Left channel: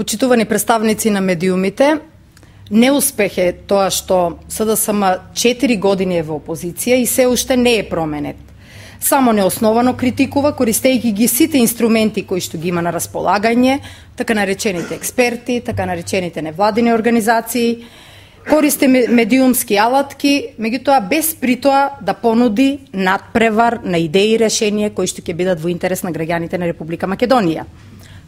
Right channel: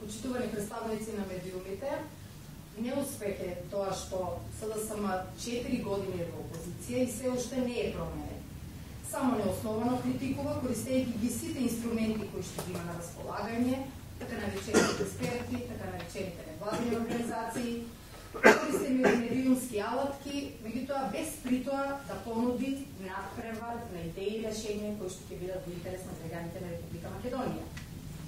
Почитувани представници на медиумите, неуспех е тоа што СДСМ 4 години е во опозиција и се уште не е променет. Само неосновано критикува, користејќи ги сите инструменти кои што ги има на располагање, така наречените експерти, така наречените невладини организации, користи медиумски алатки, меѓутоа без притоа да понуди надпревар на идеи и решенија кои што ќе бидат во интерес на граѓаните на Република Македонија.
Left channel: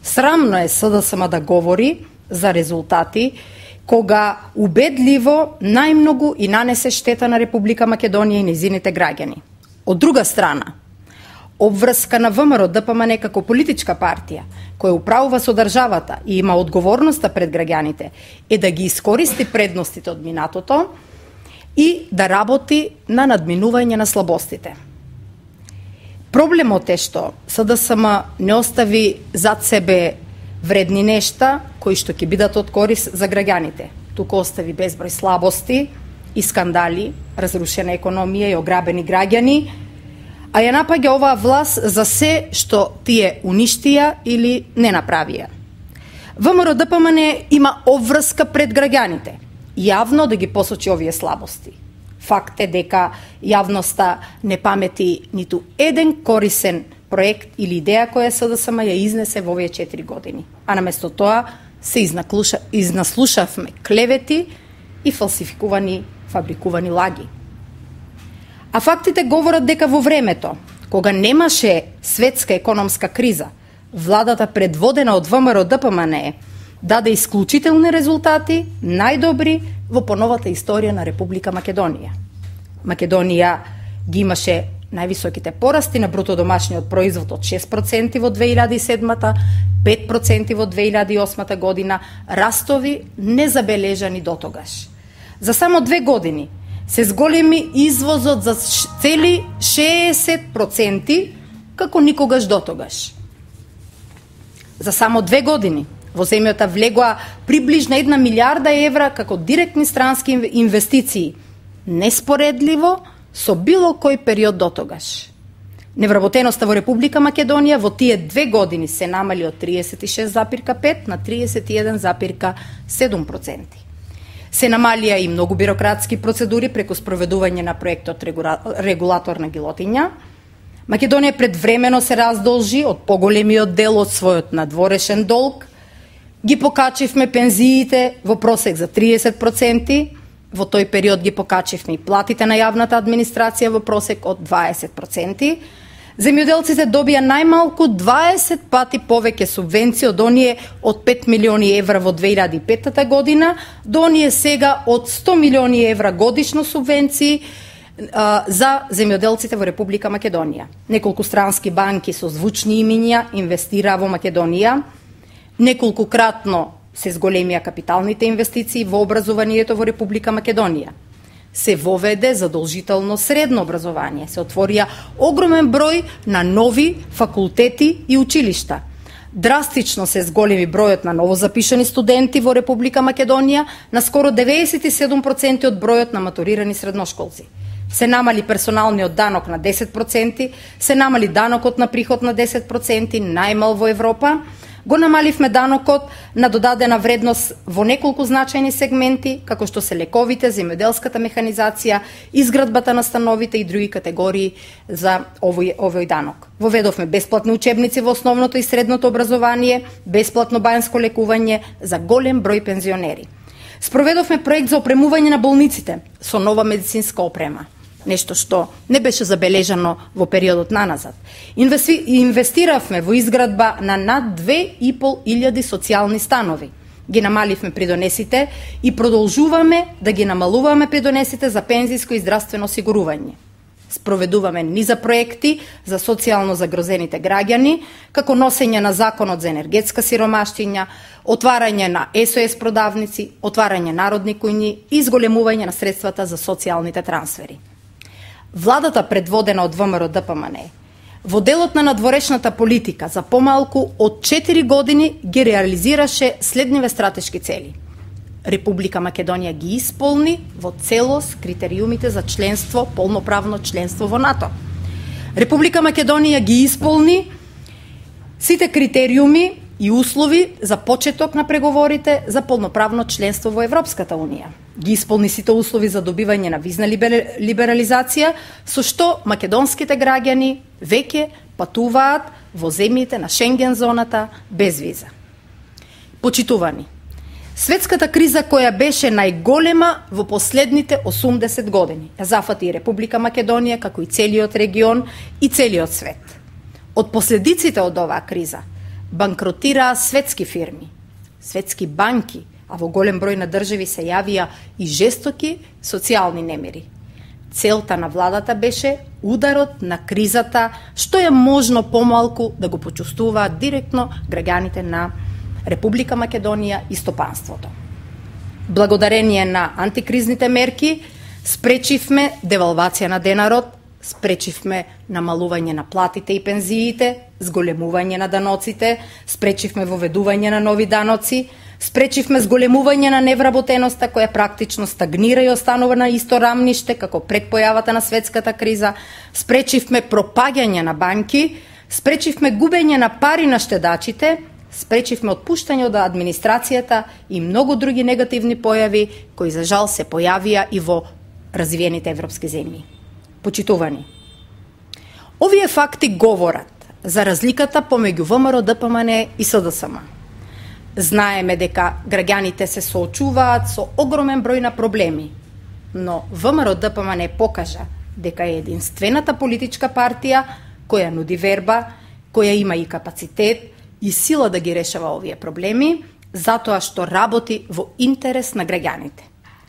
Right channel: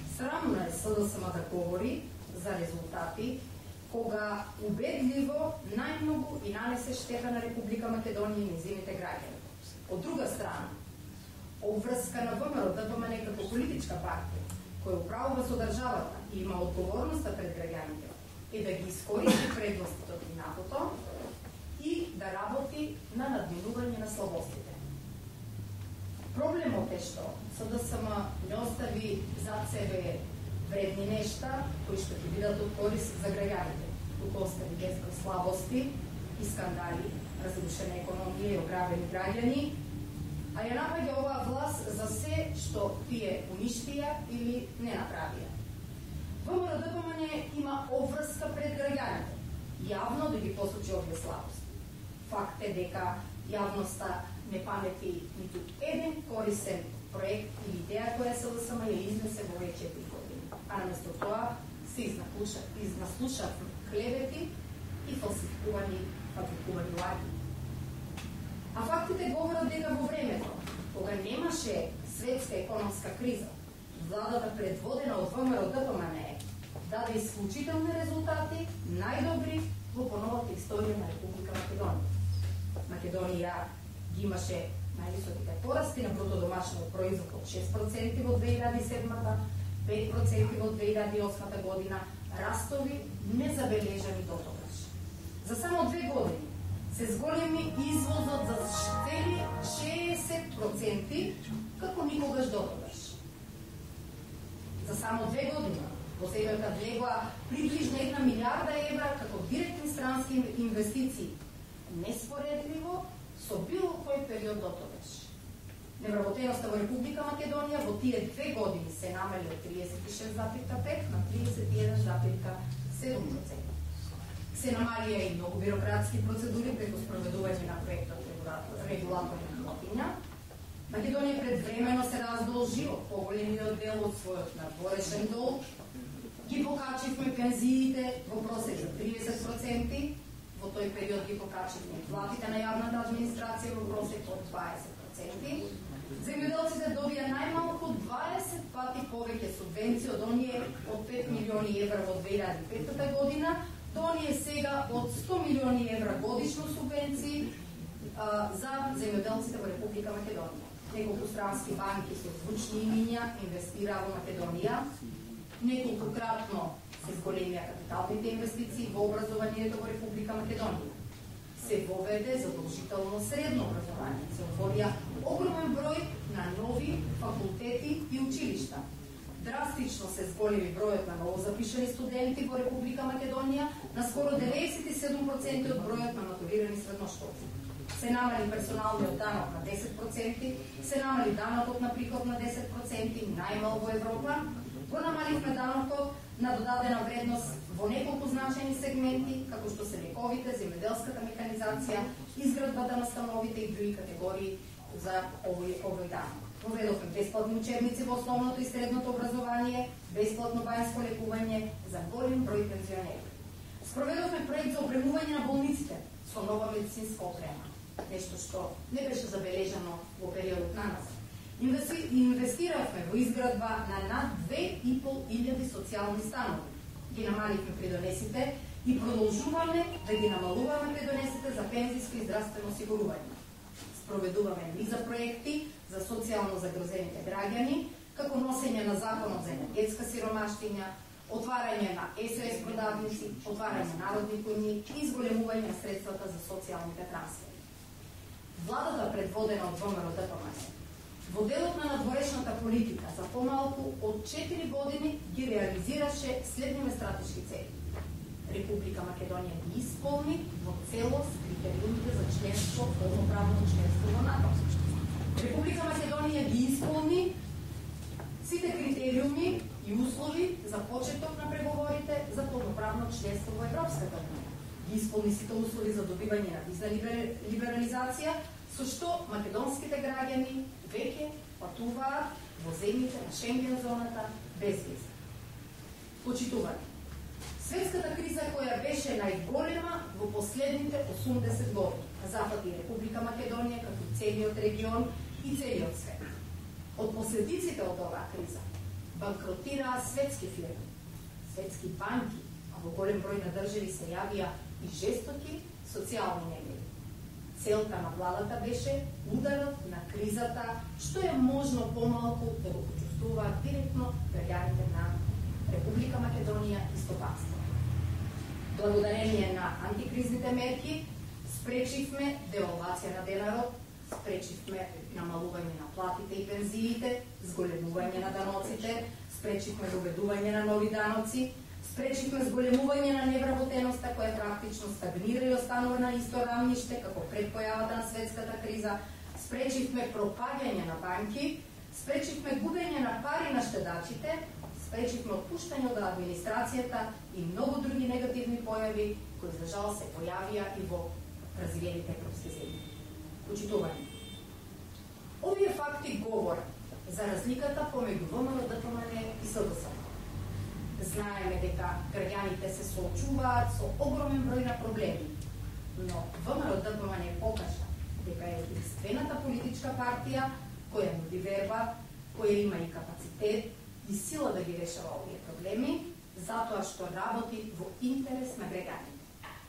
Срамно е СДСМ да говори за резултати кога убедливо најмногу и нанесе штета на Република Македонија и нејзините граѓани. Од друга страна, обврска на ВМРО ДПМН како политичка партија, која управува со државата и има одговорноста пред граѓаните, е да ги искористи предностите од минатото и да работи на надминување на слабостите. Проблемот е што СДСМ не остави зад себе вредни нешта кои што ќе бидат од корис за граѓаните. Туку остави безброј слабости и скандали, разрушена економија и ограбени граѓани, а ја напаѓа оваа власт за се што тие уништија или не направија. ВМРО ДПМН има обврска пред граѓаните, јавно да ги посочи овие слабости. Факт е дека јавноста не памети ниту еден корисен проект или идеја која СДСМ ја изнесе во овие 4 години. А наместо тоа се изнаслушавме клевети и фалсификувани, фабрикувани лаги. А фактите говорат дека во времето, кога немаше светска економска криза, владата предводена од ВМРО ДПМН даде исклучителни резултати, најдобри во поновата историја на Република Македонија. Македонија ги имаше највисоките порасти на бруто домашниот производ од 6% во 2007-та, 5% во 2008 година, растови незабележани дотогаш. За само 2 години се зголеми извозот за цели 60%, како никогаш дотогаш. За само 2 години во земјата влегоа приближно 1 милиарда евра како директни странски инвестиции, неспоредливо со било кој период дотогаш. Невработеноста во Република Македонија во тие 2 години се намали од 36,5 на 31,7%. Се намалија и многу бирократски процедури преку спроведување на проектот регулаторна гилотиња. Македонија предвремено се раздолжи од поголемиот дел од својот надворешен долг. Ги покачивме пензиите во просек за 30%, во тој период ги покачивме и платите на јавната администрација во просек од 20%. Земјоделците добија најмалку 20 пати повеќе субвенции од оние од 5 милиони евра во 2005 година до оние сега од 100 милиони евра годишно субвенции за земјоделците во Република Македонија. Неколку странски банки со звучни имиња инвестираа во Македонија. Неколкукратно се зголемија капиталните инвестиции во образованието во Република Македонија. Се воведе задолжително средно образование, се отворија огромен број на нови факултети и училишта. Драстично се зголеми бројот на новозапишани студенти во Република Македонија на скоро 97% од бројот на матурирани средношколци. Се намали персоналниот данок на 10%, се намали данокот на приход на 10%, најмал во Европа. Го намаливме данокот на додадена вредност во неколку значајни сегменти, како што се лековите, земјоделската механизација, изградбата на становите и други категории за овој данок. Воведовме бесплатни учебници во основното и средното образование, бесплатно бајанско лекување за голем број пензионери. Спроведовме проект за опремување на болниците со нова медицинска опрема, нешто што не беше забележано во периодот наназад. Инвестиравме во изградба на над 2.500 социјални станови. Ги намаливме придонесите и продолжуваме да ги намалуваме придонесите за пензиско и здравствено осигурување. Спроведуваме низа проекти за социјално загрозените граѓани, како носење на законот за енергетска сиромаштиња, отварање на СОС продавници, отварање народни кујни и изголемување на средствата за социјалните трансфери. Владата предводена од ВМРО ДПМН во делот на надворешната политика за помалку од 4 години ги реализираше следниве стратешки цели. Република Македонија ги исполни во целост критериумите за членство, полноправно членство во НАТО. Република Македонија ги исполни сите критериуми и услови за почеток на преговорите за полноправно членство во Европската Унија. Ги исполни сите услови за добивање на визна либерализација, со што македонските граѓани веќе патуваат во земјите на Шенген зоната без виза. Почитувани, светската криза која беше најголема во последните 80 години, ја зафати и Република Македонија, како и целиот регион и целиот свет. Од последиците од оваа криза банкротираа светски фирми, светски банки, а во голем број на држави се јавија и жестоки социјални немири. Целта на владата беше ударот на кризата, што е можно помалку да го почувствуваат директно граѓаните на Република Македонија и стопанството. Благодарение на антикризните мерки спречивме девалвација на денарот, спречивме намалување на платите и пензиите, зголемување на даноците, спречивме воведување на нови даноци, спречивме зголемување на невработеноста која практично стагнира и останува на исто рамниште како пред појавата на светската криза, спречивме пропаѓање на банки, спречивме губење на пари на штедачите, спречивме отпуштање од администрацијата и многу други негативни појави кои за жал се појавија и во развиените европски земји. Почитувани, овие факти говорат за разликата помеѓу ВМРО ДПМН и СДСМ. Знаеме дека граѓаните се соочуваат со огромен број на проблеми, но ВМРО ДПМН покажа дека е единствената политичка партија која нуди верба, која има и капацитет и сила да ги решава овие проблеми, затоа што работи во интерес на граѓаните.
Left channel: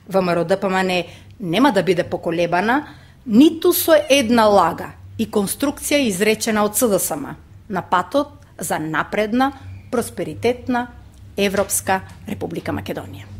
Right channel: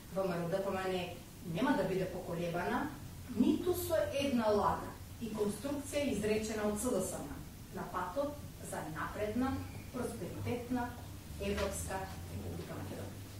ВМРО ДПМН нема да биде поколебана ниту со една лага и конструкција изречена од СДСМ на патот за напредна, просперитетна Европска Република Македонија.